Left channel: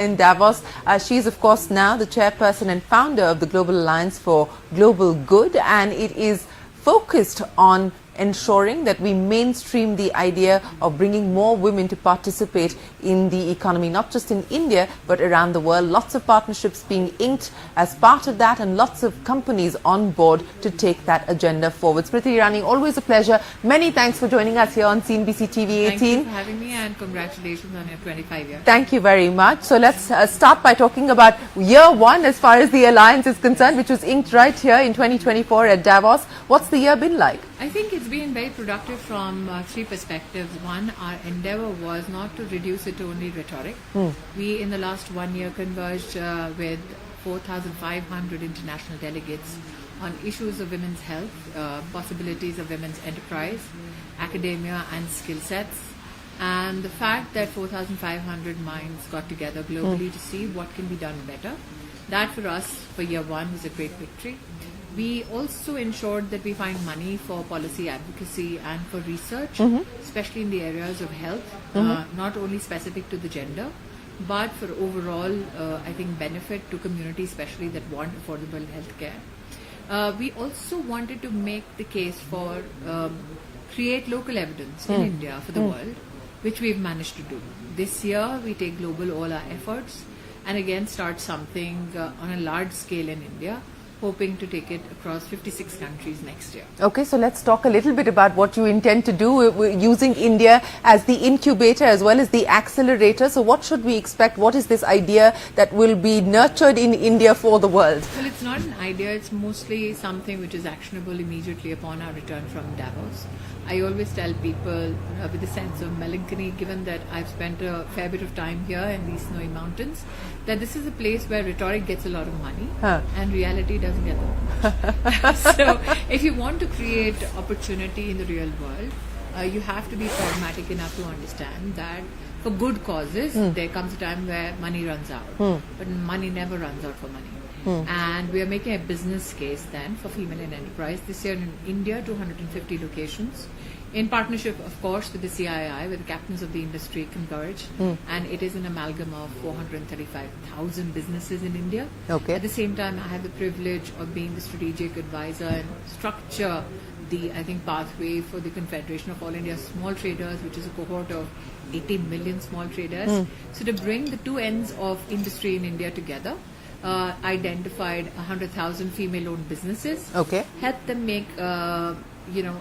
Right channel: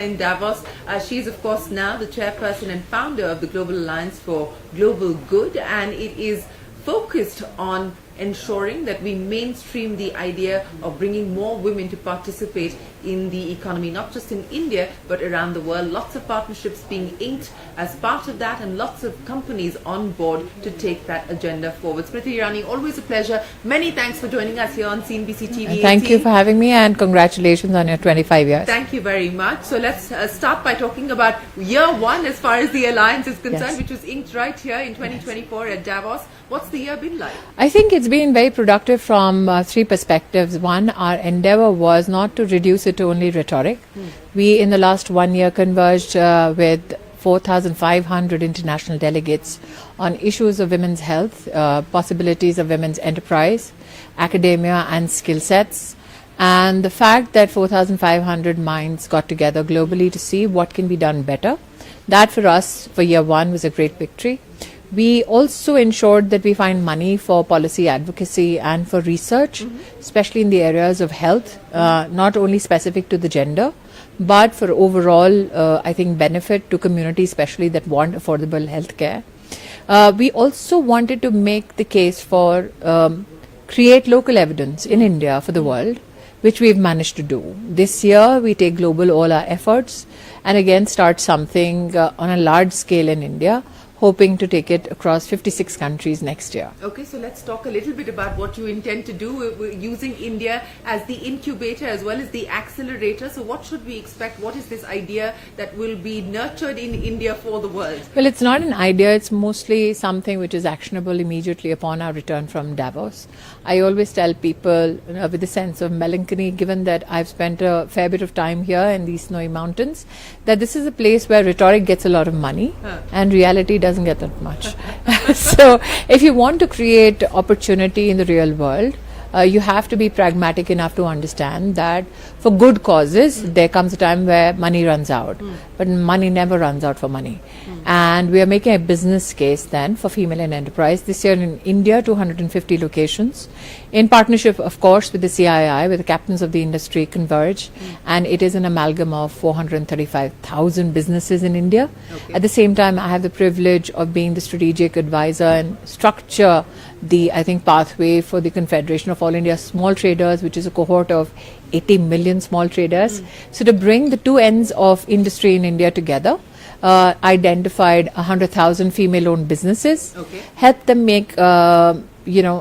in Davos. She is, of course, now the chairperson and founder of the Global Alliance for Global Good, and it is focused on ensuring that we mainstream the idea of bringing more women to participate in the economy, not just in India, but around the world. Lots of partnerships being inked as part of that, and lots of companies on board to take that agenda forward. Smriti Irani, always a pleasure. Many thanks for joining us here on CNBC-TV18. Thank you for having me, and congratulations on your 25 years. Thank you very much. So let's start by talking about year one as far as the alliance is concerned, which was inked right here in 2024 at Davos. What's the year been like? I think it's been very productive from three perspectives. One, our endeavor was not to reduce it to only rhetoric. We, in the last 1 year, converged with 4,500 international delegates on issues of women's health, possibilities of women's enterprise, academia and skill sets. And the fact that 4,500 minds got together globally to see what can be done better, that for us, for year one, was a great victory. We also ensured that we find money for policy advocacy and for research, especially in the areas of health, not only specific to the gender, but for overall, I think, benefit to communities, especially that want affordable health care. We also wanted to make the case for create local evidence in India for the world, which we've managed to do. This year, we take global all our efforts and again start something on a large scale in India, hoping to take it across 56 countries next year. Okay, so let's talk a little bit about what you intend to do using India as the incubator as well as the accelerator. So what should we expect? What is this idea that will be nurtured in India for the world? Well, it's not an idea. It's mostly something which is actionable immediately upon our return from Davos. I always tell people with a sense of melancholy, given that I've spent a fair bit of time here in these snowy mountains, that this is a place where rhetoric gets a lot of money and reality doesn't get that much. So if you want to create opportunity in the real world, you have to be pragmatic enough to understand that for good causes, there comes a time where money runs out. But money never runs out for money. And we are making a business case then for female in enterprise. This year in India, 250 locations. In partnership, of course, with the CII, with the captains of the industry converge. And it is an amalgam of 435,000 businesses in India. Okay. At the same time, I have the privilege of being the strategic advisor and structure the, I think, pathway for the Confederation of All India Small Traders, which is a cohort of 80 million small traders. So to bring the two ends of industry in India together, identified 100,000 female-owned businesses, help them make an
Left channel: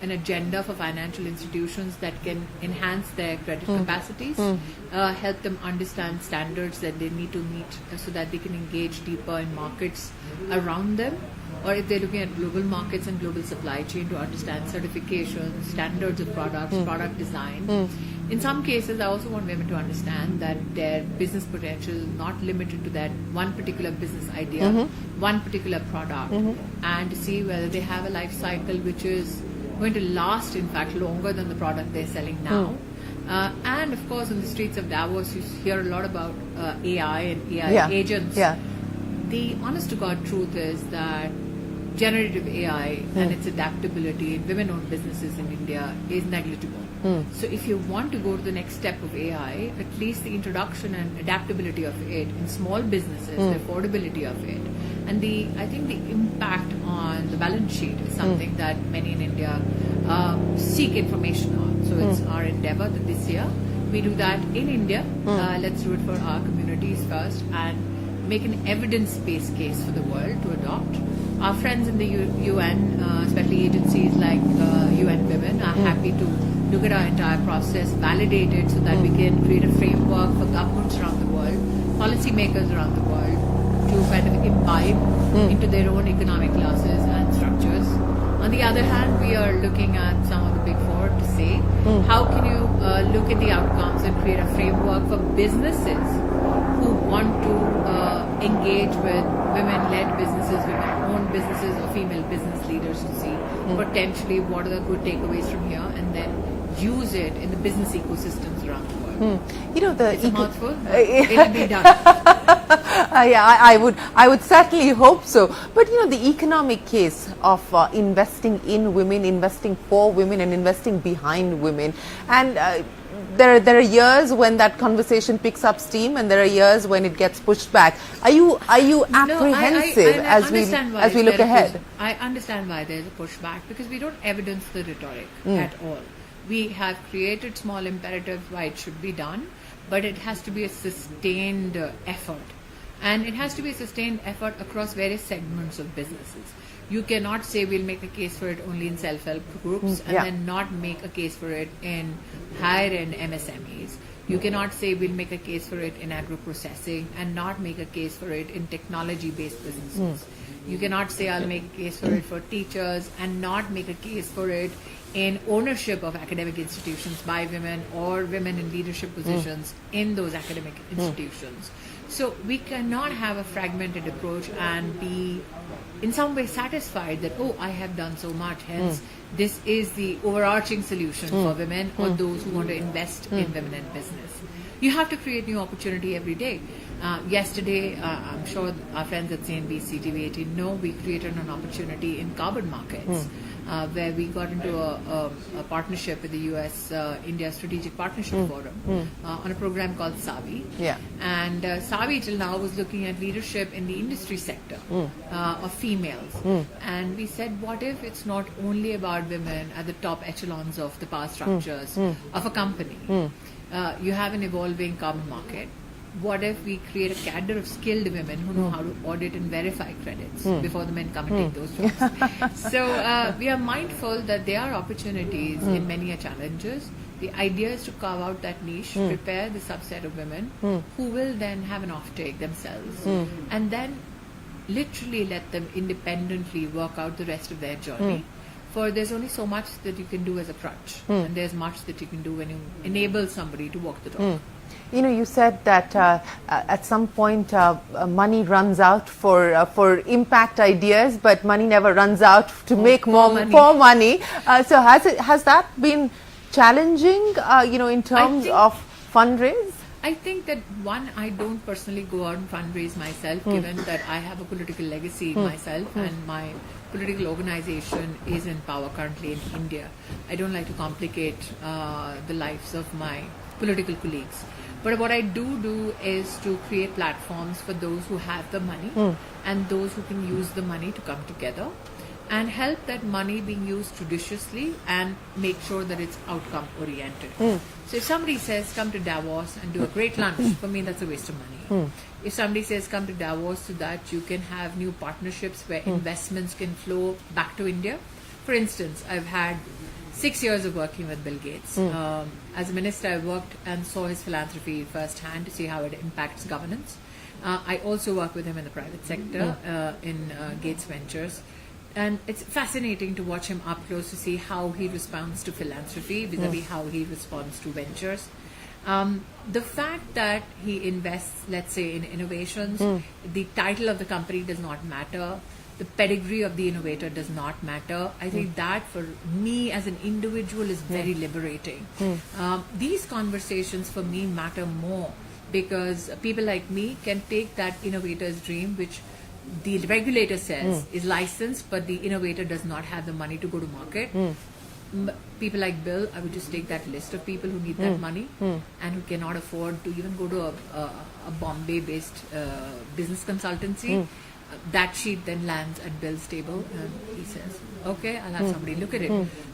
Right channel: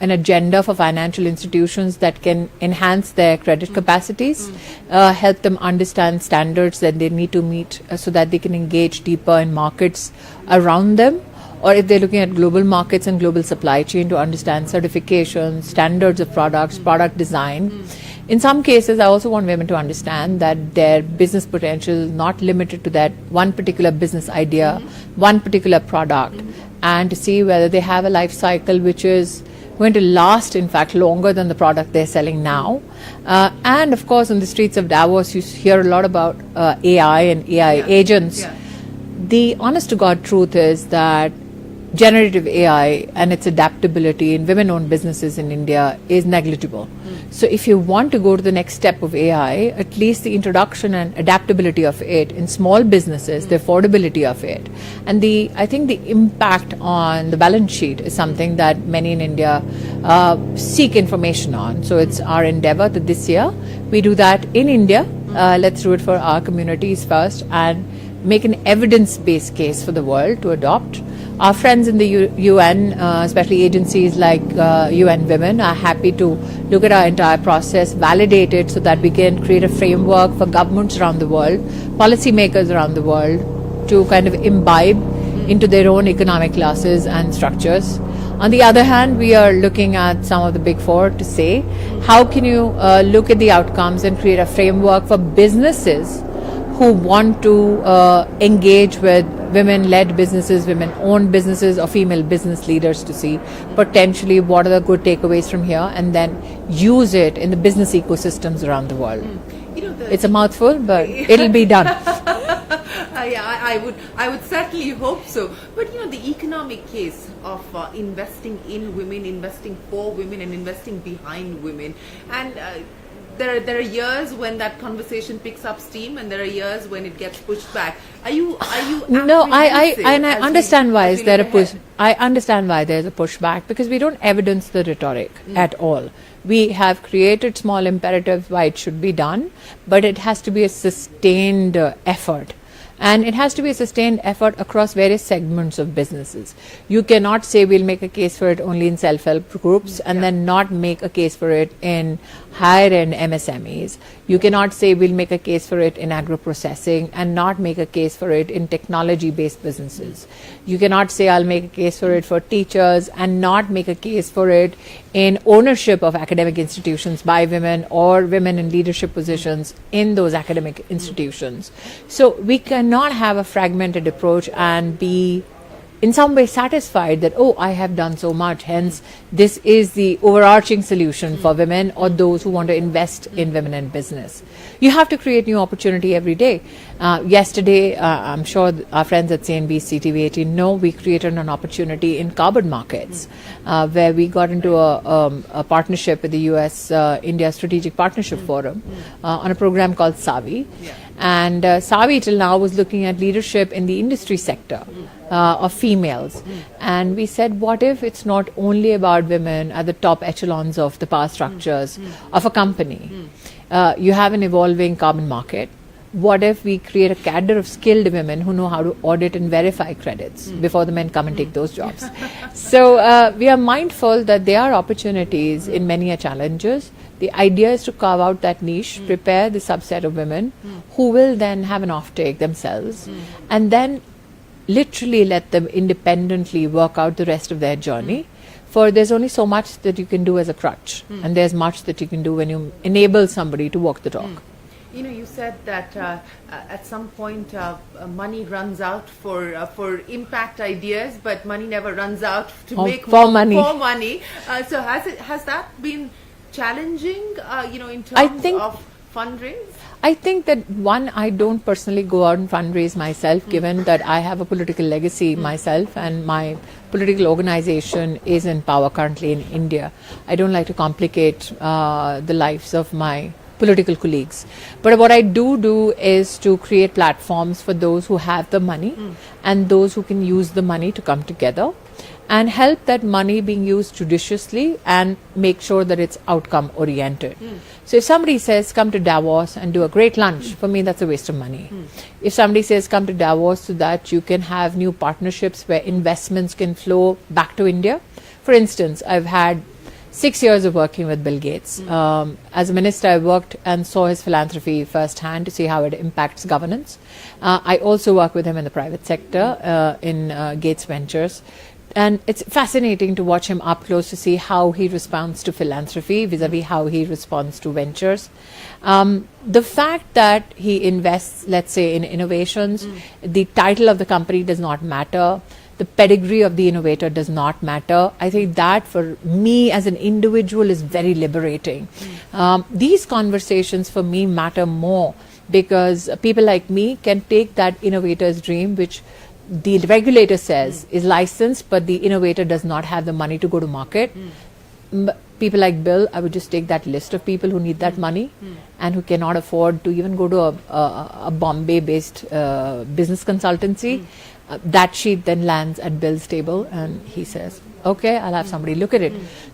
agenda for financial institutions that can enhance their credit capacities, help them understand standards that they need to meet so that they can engage deeper in markets around them, or if they're looking at global markets and global supply chain, to understand certifications, standards of products, product design. In some cases, I also want women to understand that their business potential is not limited to that one particular business idea, one particular product, and to see whether they have a life cycle which is going to last, in fact, longer than the product they're selling now. And of course, on the streets of Davos, you hear a lot about AI and AI agents. The honest to God truth is that generative AI and its adaptability in women-owned businesses in India is negligible. So if you want to go to the next step of AI, at least the introduction and adaptability of it in small businesses, the affordability of it, and I think the impact on the balance sheet is something that many in India seek information on. So it's our endeavor that this year we do that in India. Let's do it for our communities first and make an evidence-based case for the world to adopt. Our friends in the UN, especially agencies like UN Women, are happy to look at our entire process, validate it so that we can create a framework for governments around the world, policymakers around the world, to kind of imbibe into their own economic classes and structures. On the other hand, we are looking at some of the big four to say, how can you look at the outcomes and create a framework for businesses who want to engage with women-led businesses, women-owned businesses, or female business leaders, to see potentially what are the good takeaways from here, and then use it in the business ecosystems around the world. You know, it's a mouthful, but it'll be done. I would certainly hope so. But you know, the economic case of investing in women, investing for women, and investing behind women, and there are years when that conversation picks up steam, and there are years when it gets pushed back. Are you No, I apprehensive understand why as we there look a push. ahead? I understand why there's a pushback, because we don't evidence the rhetoric at all. We have created small imperatives why it should be done, but it has to be a sustained effort. And it has to be a sustained effort across various segments of businesses. You cannot say we'll make a case for it only in self-help groups and then not make a case for it in higher-end MSMEs. You cannot say we'll make a case for it in agro-processing and not make a case for it in technology-based businesses. You cannot say I'll make a case for it for teachers and not make a case for it in ownership of academic institutions by women or women in leadership positions in those academic institutions. So we cannot have a fragmented approach and be in some way satisfied that, oh, I have done so much, hence this is the overarching solution for women or those who want to invest in women in business. You have to create new opportunity every day. Yesterday, I'm sure our friends at CNBC-TV18 know, we created an opportunity in carbon markets where we got into a partnership with the US-India Strategic Partnership Forum on a program called SAVI. And SAVI till now was looking at leadership in the industry sector of females. And we said, what if it's not only about women at the top echelons of the power structures of a company? You have an evolving carbon market. What if we create a cadre of skilled women who know how to audit and verify credits before the men come and take those jobs? So we are mindful that there are opportunities in many challenges. The idea is to carve out that niche, prepare the subset of women who will then have an offtake themselves, and then literally let them independently work out the rest of their journey. For there's only so much that you can do as a crutch, and there's much that you can do when you enable somebody to walk the talk. You know, you said that at some point money runs out for impact ideas, but money never runs out to make more money. So has that been challenging? You know, in terms of fundraise? I think that one, I don't personally go out and fundraise myself, given that I have a political legacy myself, and my political organization is in power currently in India. I don't like to complicate the lives of my political colleagues. But what I do is to create platforms for those who have the money and those who can use the money to come together and help that money being used judiciously and make sure that it's outcome oriented. So if somebody says come to Davos and do a great lunch, for me that's a waste of money. If somebody says come to Davos so that you can have new partnerships where investments can flow back to India. For instance, I've had 6 years of working with Bill Gates. As a minister, I worked and saw his philanthropy firsthand to see how it impacts governance. I also work with him in the private sector in Gates Ventures. And it's fascinating to watch him up close to see how he responds to philanthropy vis-a-vis how he responds to ventures. The fact that he invests, let's say, in innovations, the title of the company does not matter. The pedigree of the innovator does not matter. I think that for me as an individual is very liberating. These conversations for me matter more because people like me can take that innovator's dream, which the regulator says is licensed, but the innovator does not have the money to go to market. People like Bill, I would just take that list of people who need that money and who cannot afford to even go to a Bombay-based business consultancy. That sheet then lands at Bill's table and he says, okay, I'll have somebody look at it.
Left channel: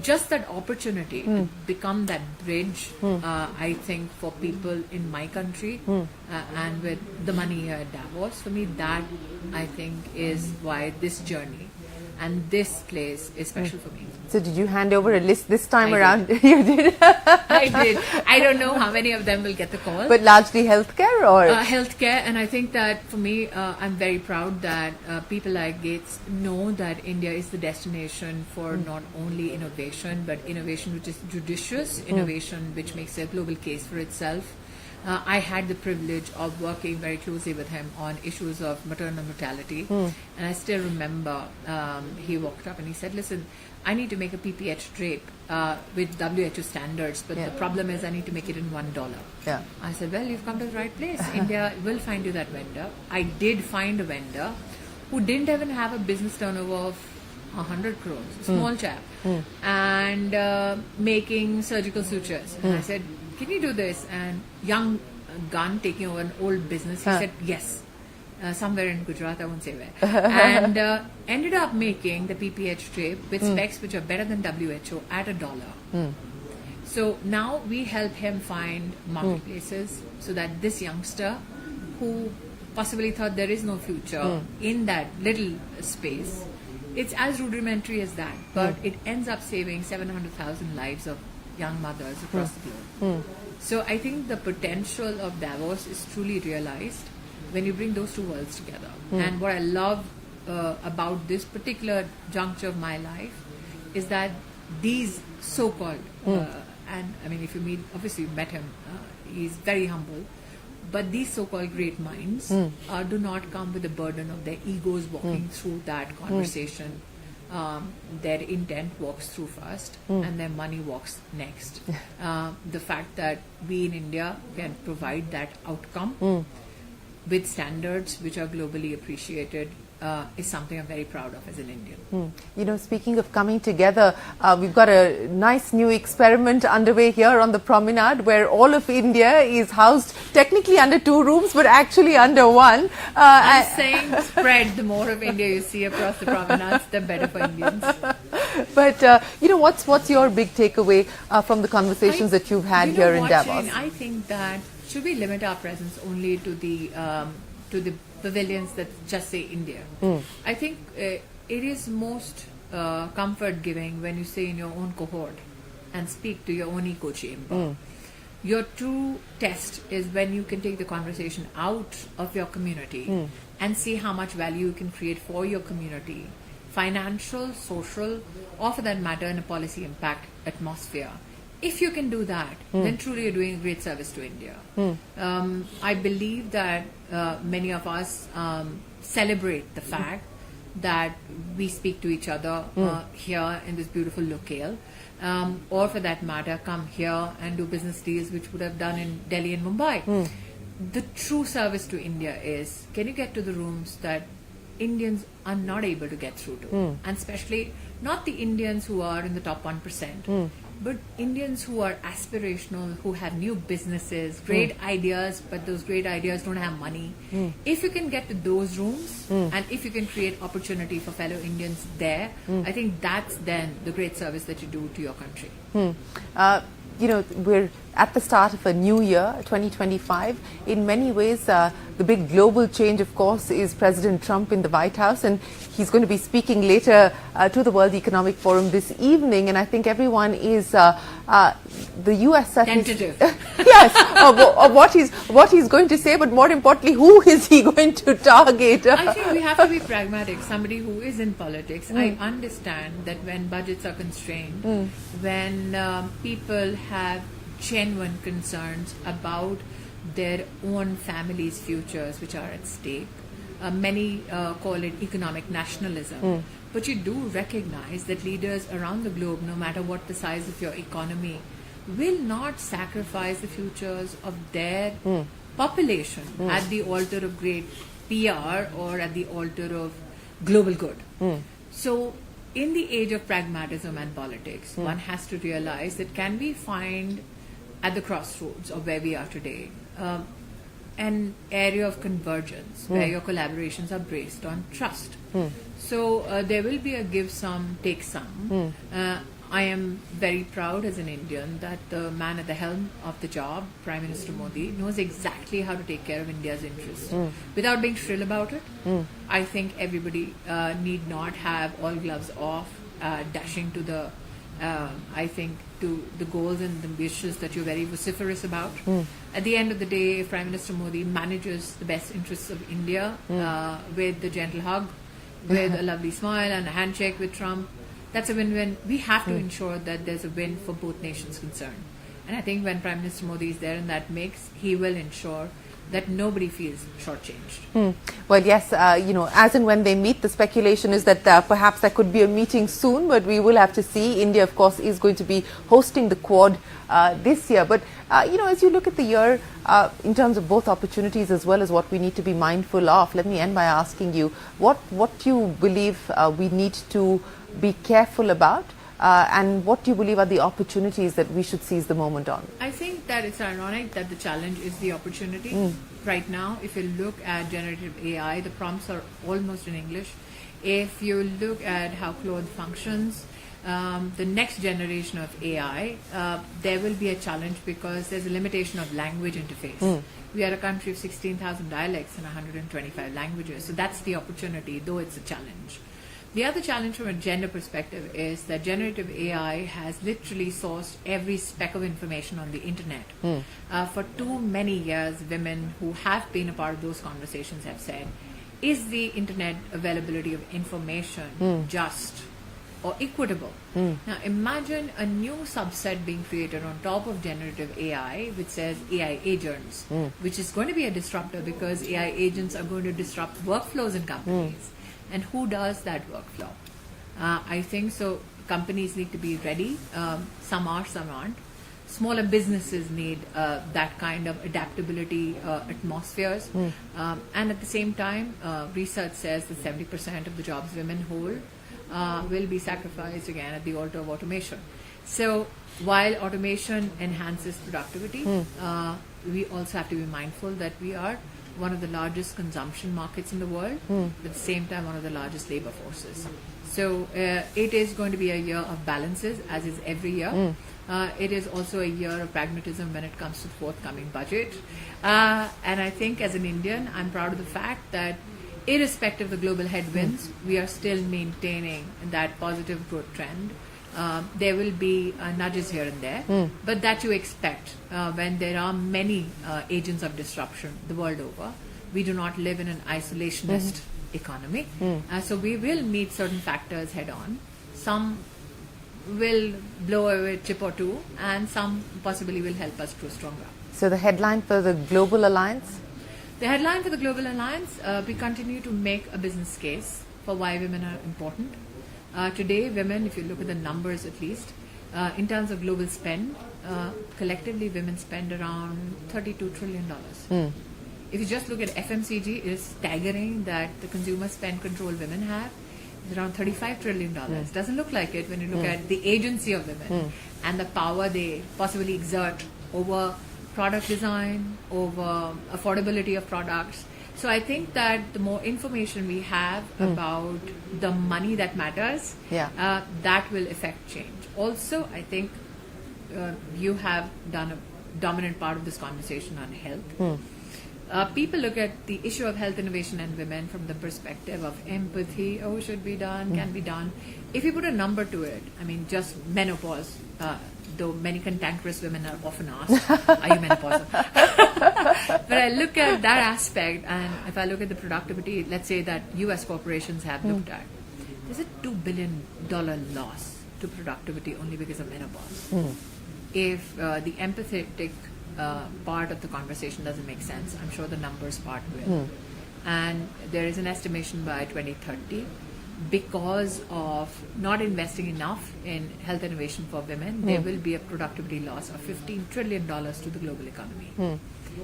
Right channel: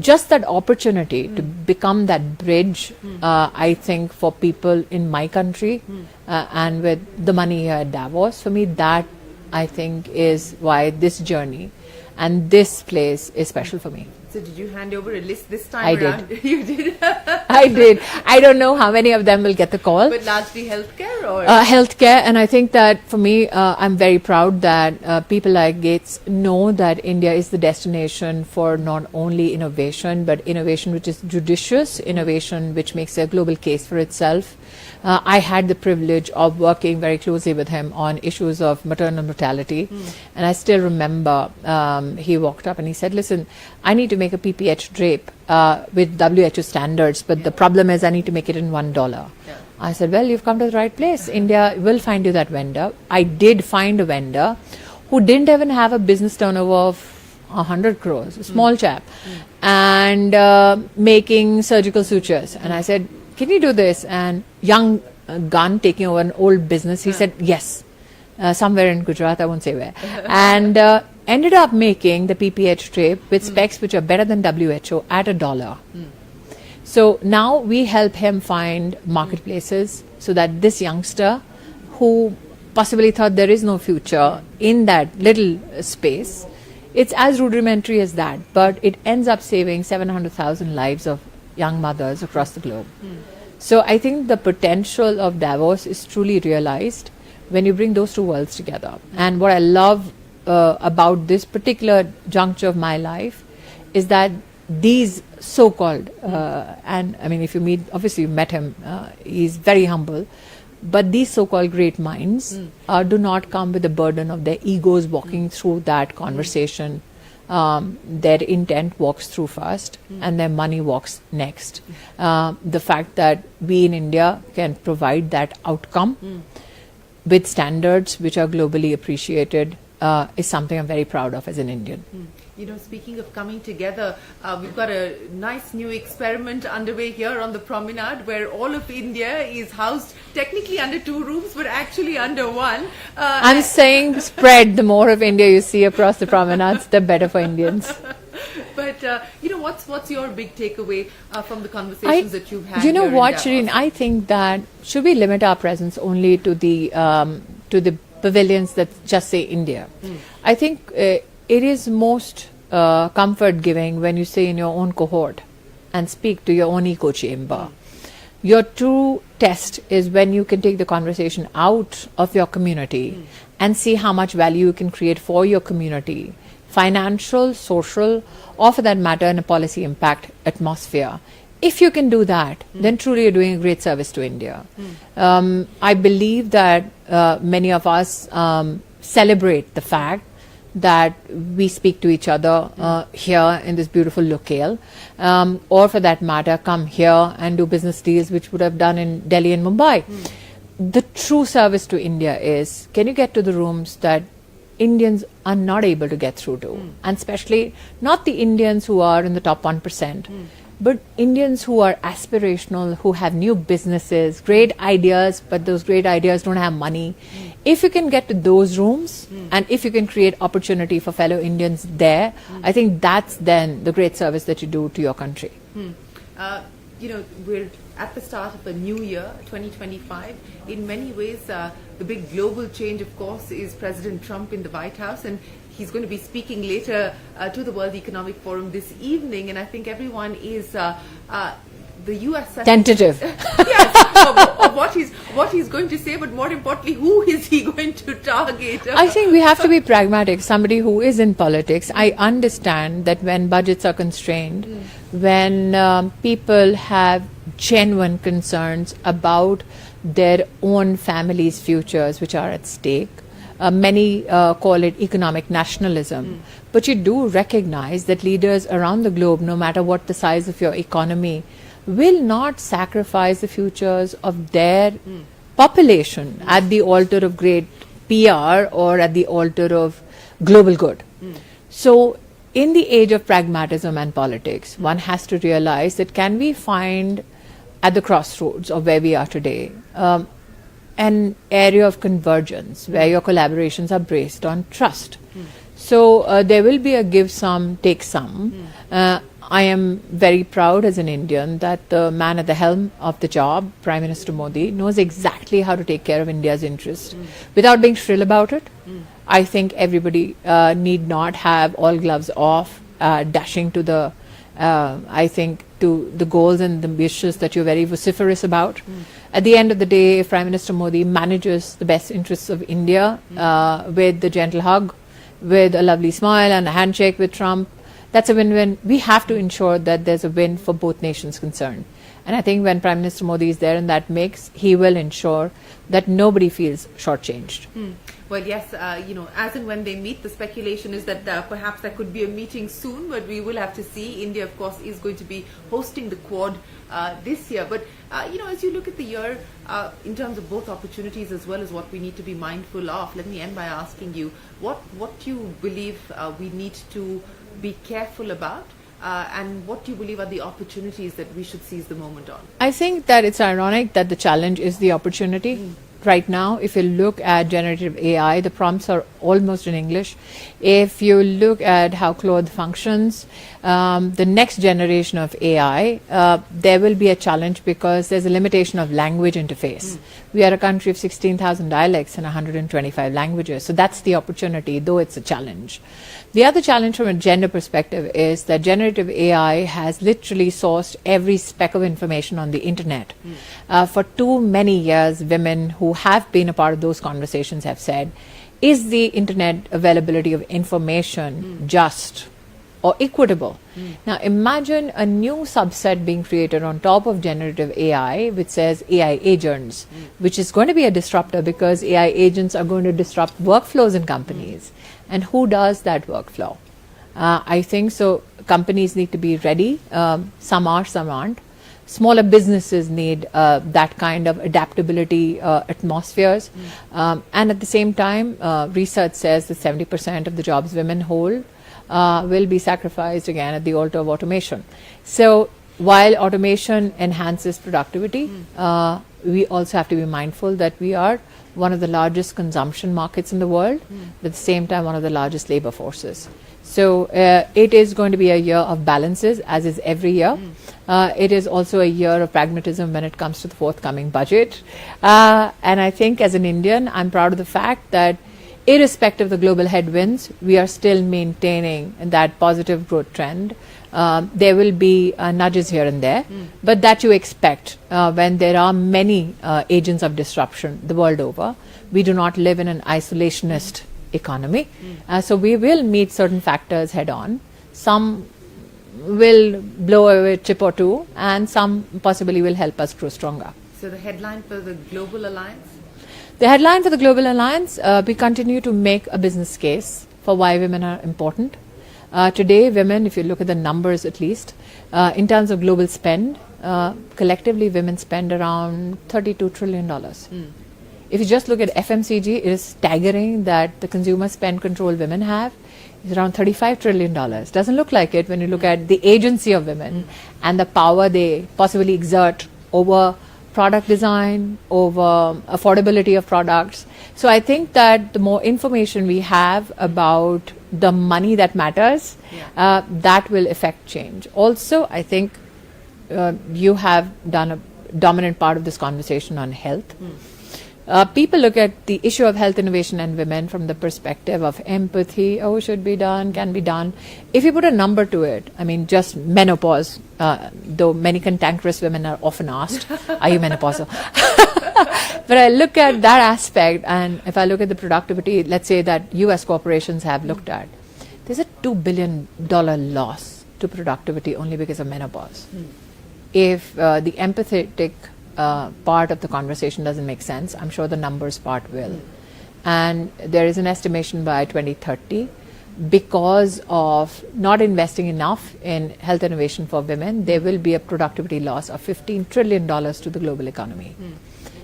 Just that opportunity to become that bridge, I think, for people in my country and with the money here at Davos, for me, that I think is why this journey and this place is special for me. So did you hand over a list this time around? You did? I did. I don't know how many of them will get the call. But largely healthcare or? Healthcare. And I think that for me, I'm very proud that people like Gates know that India is the destination for not only innovation, but innovation which is judicious, innovation which makes a global case for itself. I had the privilege of working very closely with him on issues of maternal mortality. And I still remember he walked up and he said, listen, I need to make a PPH drape with WHO standards, but the problem is I need to make it in $1. I said, well, you've come to the right place. India will find you that vendor. I did find a vendor who didn't even have a business turnover of 100 crores, a small chap, and making surgical sutures. And I said, can you do this? And young gun taking over an old business, he said yes. Somewhere in Gujarat, I won't say where. And ended up making the PPH trip with specs which are better than WHO at $1. So now we help him find marketplaces so that this youngster who possibly thought there is no future in that little space, it's as rudimentary as that, but it ends up saving 700,000 lives of young mothers across the globe. So I think the potential of Davos is truly realized when you bring those two worlds together. And what I love about this particular juncture of my life is that these so-called, and I mean, if you meet, obviously you met him, he's very humble, but these so-called great minds do not come with the burden of their egos walking through that conversation. Their intent walks through first and their money walks next. The fact that we in India can provide that outcome with standards which are globally appreciated is something I'm very proud of as an Indian. You know, speaking of coming together, we've got a nice new experiment underway here on the promenade where all of India is housed technically under 2 rooms but actually under 1. I'm saying spread. The more of India you see across the promenades, the better for Indians. But, you know, what's your big takeaway from the conversations that you've had here in Davos? You know what, Shereen, I think that should we limit our presence only to the pavilions that just say India? I think it is most comfort giving when you stay in your own cohort and speak to your own echo chamber. Your true test is when you can take the conversation out of your community and see how much value you can create for your community, financial, social, or for that matter in a policy impact atmosphere. If you can do that, then truly you're doing a great service to India. I believe that many of us celebrate the fact that we speak to each other here in this beautiful locale, or for that matter, come here and do business deals which would have done in Delhi and Mumbai. The true service to India is, can you get to the rooms that Indians are not able to get through to? And especially not the Indians who are in the top 1%. But Indians who are aspirational, who have new businesses, great ideas, but those great ideas don't have money. If you can get to those rooms and if you can create opportunity for fellow Indians there, I think that's then the great service that you do to your country. You know, we're at the start of a new year, 2025. In many ways, the big global change, of course, is President Trump in the White House, and he's going to be speaking later to the World Economic Forum this evening, and I think everyone is the US tentative. Yes, of what he's going to say, but more importantly, who is he going to target? I think we have to be pragmatic. Somebody who is in politics, I understand that when budgets are constrained, when people have genuine concerns about their own families' futures which are at stake. Many call it economic nationalism. But you do recognize that leaders around the globe, no matter what the size of your economy, will not sacrifice the futures of their population at the altar of great PR or at the altar of global good. So in the age of pragmatism and politics, one has to realize that can we find at the crossroads of where we are today an area of convergence where your collaborations are based on trust. So there will be a give some, take some. I am very proud as an Indian that the man at the helm of the job, Prime Minister Modi, knows exactly how to take care of India's interests without being shrill about it. I think everybody need not have all gloves off, dashing to the, to the goals and the wishes that you're very vociferous about. At the end of the day, if Prime Minister Modi manages the best interests of India with the gentle hug, with a lovely smile and a handshake with Trump, that's a win-win. We have to ensure that there's a win for both nations concerned. And I think when Prime Minister Modi is there in that mix, he will ensure that nobody feels shortchanged. Well, yes, you know, as and when they meet, the speculation is that perhaps there could be a meeting soon, but we will have to see. India, of course, is going to be hosting the Quad this year. But, you know, as you look at the year, in terms of both opportunities as well as what we need to be mindful of, let me end by asking you, what you believe we need to be careful about and what do you believe are the opportunities that we should seize the moment on? I think that it's ironic that the challenge is the opportunity. Right now, if you look at generative AI, the prompts are almost in English. If you look at how Claude functions, the next generation of AI, there will be a challenge because there's a limitation of language interface. We are a country of 16,000 dialects and 125 languages. So that's the opportunity, though it's a challenge. The other challenge from a gender perspective is that generative AI has literally sourced every speck of information on the internet. For too many years, women who have been a part of those conversations have said, is the internet availability of information just or equitable? Now imagine a new subset being created on top of generative AI, which says AI agents, which is going to be a disruptor because AI agents are going to disrupt workflows in companies. And who does that workflow? I think so. Companies need to be ready. Some are, some aren't. Smaller businesses need that kind of adaptability atmospheres. And at the same time, research says that 70% of the jobs women hold will be sacrificed again at the altar of automation. So while automation enhances productivity, we also have to be mindful that we are one of the largest consumption markets in the world, but at the same time one of the largest labor forces. So it is going to be a year of balances, as is every year. It is also a year of pragmatism when it comes to the forthcoming budget. And I think as an Indian, I'm proud of the fact that irrespective of the global headwinds, we are still maintaining that positive growth trend. There will be nudges here and there, but that you expect when there are many agents of disruption the world over. We do not live in an isolationist economy. So we will meet certain factors head on. Some will blow away a chip or two, and some possibly will help us grow stronger. So the headline for the Global Alliance? The headline for the Global Alliance, we continue to make a business case for why women are important. Today, women, if you look at the numbers at least, in terms of global spend, collectively women spend around $32 trillion. If you just look at FMCG, it is staggering that the consumer spend control women have is around $35 trillion. Doesn't look like it when you look at the agency of women and the power they possibly exert over product design, over affordability of products. So I think that the more information we have about the money that matters, that will affect change. Also, I think you have done a dominant part of this conversation on health. People look at the issue of health innovation and women from the perspective of empathy. Oh, should be done, can be done. If you put a number to it, I mean, just menopause, though many cantankerous women are often asked, are you menopausal? But I look at that aspect, and if I look at the productivity, let's say that US corporations have looked at, there's a $2 billion loss to productivity only because of menopause. If the empathetic part of the conversation doesn't make sense, I'm sure the numbers part will. And there is an estimation by 2030, because of not investing enough in health innovation for women, there will be a productivity loss of $15 trillion to the global economy.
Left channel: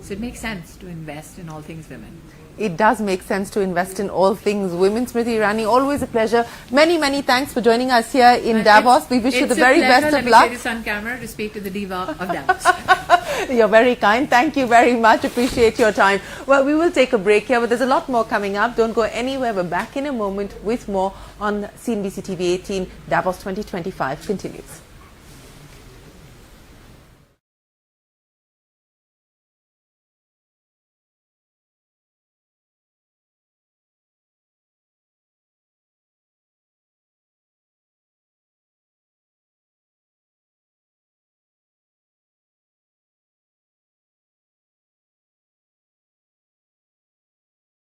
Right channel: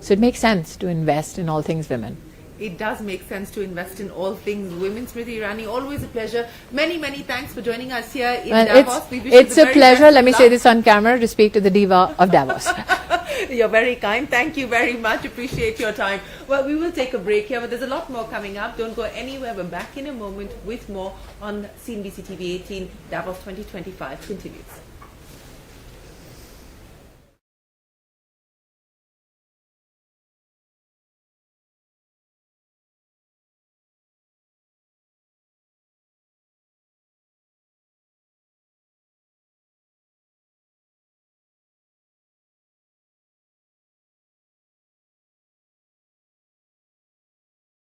So it makes sense to invest in all things women. It does make sense to invest in all things women. Smriti Irani, always a pleasure. Many, many thanks for joining us here in Davos. We wish you the very best of luck. It's a pleasure, let me say this on camera, to speak to the diva of Davos. You're very kind. Thank you very much. Appreciate your time. Well, we will take a break here, but there's a lot more coming up. Don't go anywhere. We're back in a moment with more on CNBC-TV18. Davos 2025 continues.